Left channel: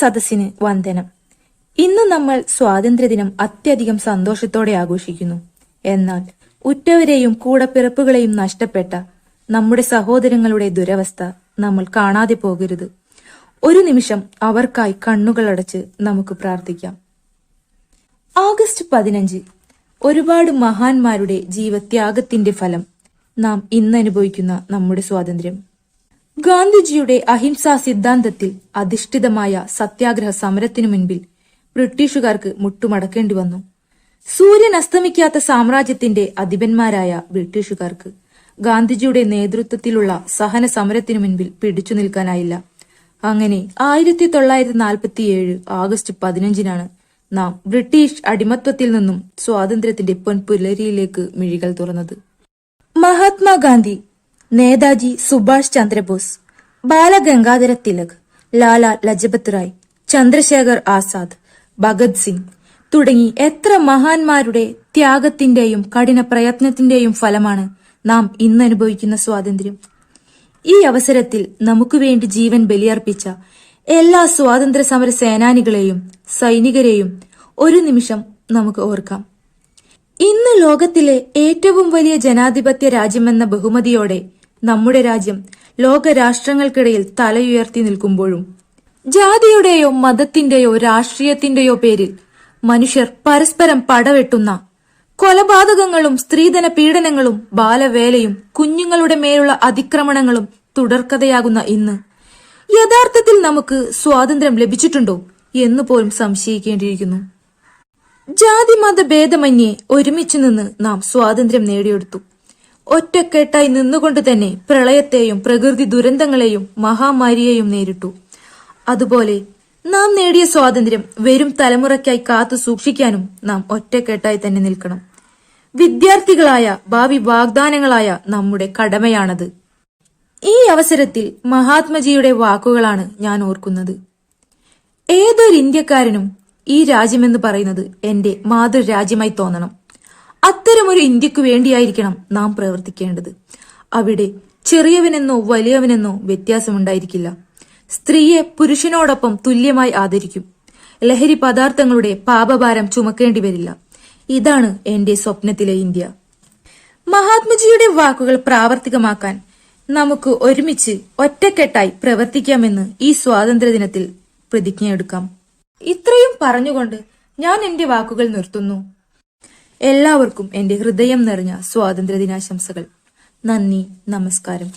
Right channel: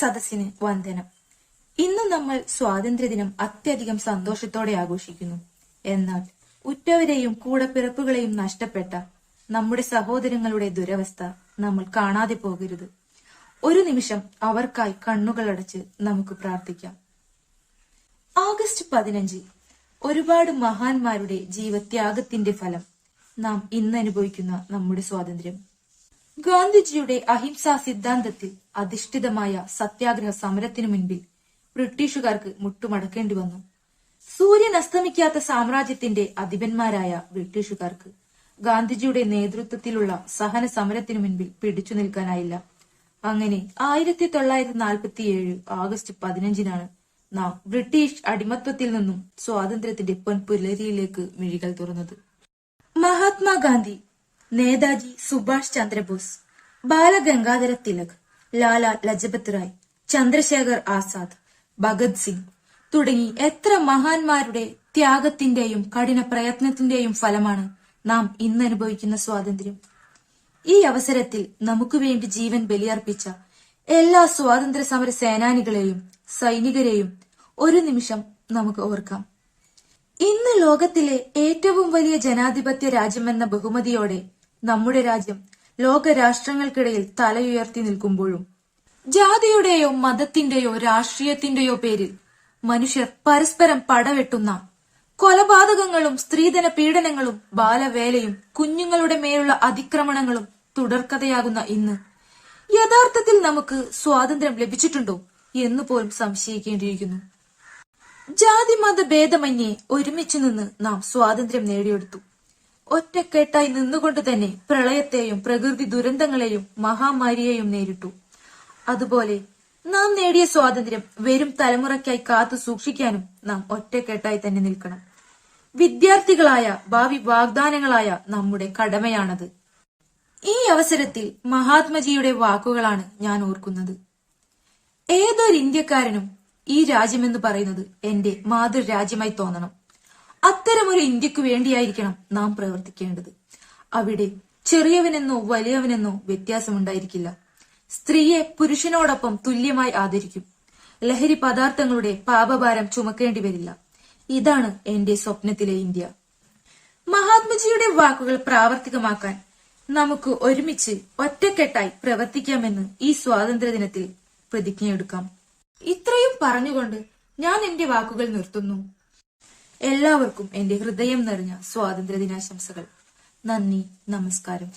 സദസ്സിന് വന്ദനം. ഇന്ന് നമ്മൾ സ്വാതന്ത്ര്യദിനം അത്യധികം സന്തോഷത്തോടെ ആഘോഷിക്കുന്നു. എന്നാൽ ഉറ്റവരെയും കൂടപ്പിറപ്പുകളെയും നഷ്ടപ്പെട്ട നമ്മുടെ സഹോദരങ്ങളുടെ ദുരവസ്ഥ നമ്മൾ കാണാതെ പോകരുത്. ഒരു നിമിഷം അവർക്കായി കണ്ണുകളടച്ച് നമുക്ക് പ്രാർത്ഥിക്കാം. ആഗസ്റ്റ് 15 ഒരുപാട് മഹാന്മാരുടെ ജീവത്യാഗത്തിന്റെ ഫലം നാം ഇന്ന് അനുഭവിക്കുന്ന നമ്മുടെ സ്വാതന്ത്ര്യം. ഗാന്ധിജിയുടെ അഹിംസാ സിദ്ധാന്തത്തിൽ അധിഷ്ഠിതമായ സത്യാഗ്രഹ സമരത്തിനു മുൻപിൽ ബ്രിട്ടീഷുകാർക്ക് മുട്ടുമടക്കേണ്ടി വന്നു. സൂര്യൻ അസ്തമിക്കാത്ത സാമ്രാജ്യത്തിന്റെ അധിപന്മാരായ ബ്രിട്ടീഷുകാർക്ക് ഗാന്ധിജിയുടെ നേതൃത്വത്തിലുള്ള സഹന സമരത്തിനു മുൻപിൽ പിടിച്ചു നിൽക്കാനായില്ല. അങ്ങനെ 1947 ആഗസ്റ്റ് 15 നാം ബ്രിട്ടീഷ് അടിമത്വത്തിൽ നിന്നും സ്വാതന്ത്ര്യത്തിന്റെ പൊൻപുലരിയിലേക്ക് മിഴികൾ തുറന്നത്. മഹാത്മാഗാന്ധി, നേതാജി സുഭാഷ് ചന്ദ്രബോസ്, ബാലഗംഗാധര തിലക്, ലാല ലജപത് റായ്, ചന്ദ്രശേഖർ ആസാദ്, ഭഗത് സിംഗ് തുടങ്ങി എത്ര മഹാന്മാരുടെ ത്യാഗത്തിന്റെയും കഠിന പ്രയത്നത്തിന്റെയും ഫലമാണ് നാം ഇന്ന് അനുഭവിക്കുന്ന സ്വാതന്ത്ര്യം. ഈ അവസരത്തിൽ നമുക്ക് വേണ്ടി ജീവൻ ബലിയർപ്പിച്ച എല്ലാ സ്വാതന്ത്ര്യ സമര സേനാനികളെയും സൈനികരെയും ഒരു നിമിഷം നമുക്ക് ഓർക്കാം. ഇന്ന് ലോകത്തിലെ ഏറ്റവും വലിയ ജനാധിപത്യ രാജ്യമെന്ന ബഹുമതിയോടെ നമ്മുടെ രാജ്യം ലോക രാഷ്ട്രങ്ങൾക്കിടയിൽ തലയുയർത്തി നിൽക്കുമ്പോഴും ജാതിയുടെയോ മതത്തിന്റെയോ രാഷ്ട്രീയത്തിന്റെയോ പേരിൽ മനുഷ്യർ പരസ്പരം പടവെട്ടുന്ന കൊലപാതകങ്ങളും സ്ത്രീധന പീഡനങ്ങളും ബാലവേലയും കുഞ്ഞുങ്ങളുടെ മേലുള്ള അതിക്രമണങ്ങളും തുടർക്കഥയാകുന്ന ഇന്ന് യഥാർത്ഥത്തിൽ നമുക്ക് സ്വാതന്ത്ര്യം ലഭിച്ചിട്ടുണ്ടോ എന്ന് പോലും സംശയിക്കേണ്ടിയിരിക്കുന്നു. ജാതി മത ഭേദമന്യേ ഒരുമിച്ചു നിന്ന് നാം സ്വാതന്ത്ര്യം നേടിയെടുത്തു. ഒറ്റക്കെട്ടായി നിന്നുകൊണ്ട് തന്നെ പ്രളയത്തെയും പ്രകൃതി ദുരന്തങ്ങളെയും മഹാമാരിയെയും നേരിട്ടു. അതുപോലെ നാം നേടിയ സ്വാതന്ത്ര്യം വരും തലമുറയ്ക്കായി കാത്തു സൂക്ഷിക്കാനും നാം ഒറ്റക്കെട്ടായി തന്നെ നിൽക്കണം. വിദ്യാർത്ഥികളായ ഭാവി വാഗ്ദാനങ്ങളായ നമ്മുടെ കടമയാണത്. ഈ അവസരത്തിൽ മഹാത്മജിയുടെ വാക്കുകളാണ് ഞാൻ ഓർക്കുന്നത്. ഏതൊരു ഇന്ത്യക്കാരനും ഈ രാജ്യമെന്ന് പറയുന്നത് എന്റെ മാതൃരാജ്യമായി തോന്നണം. അത്തരമൊരു ഇന്ത്യക്ക് വേണ്ടിയായിരിക്കണം നാം പ്രവർത്തിക്കേണ്ടത്. അവിടെ ചെറിയവനെന്നോ വലിയവനെന്നോ വ്യത്യാസമുണ്ടായിരിക്കില്ല. സ്ത്രീയെ പുരുഷനോടൊപ്പം തുല്യമായി ആദരിക്കും. ലഹരി പദാർത്ഥങ്ങളുടെ പാപഭാരം ചുമക്കേണ്ടി വരില്ല. ഇതാണ് എന്റെ സ്വപ്നത്തിലെ ഇന്ത്യ. മഹാത്മജിയുടെ വാക്കുകൾ പ്രാവർത്തികമാക്കാൻ നമുക്ക് ഒരുമിച്ച് ഒറ്റക്കെട്ടായി പ്രവർത്തിക്കാമെന്ന് ഈ സ്വാതന്ത്ര്യദിനത്തിൽ പ്രതിജ്ഞയെടുക്കാം. ഇത്രയും പറഞ്ഞുകൊണ്ട് ഞാൻ എന്റെ വാക്കുകൾ നിർത്തുന്നു. എല്ലാവർക്കും എന്റെ ഹൃദയം നിറഞ്ഞ സ്വാതന്ത്ര്യദിനാശംസകൾ. നന്ദി, നമസ്കാരം.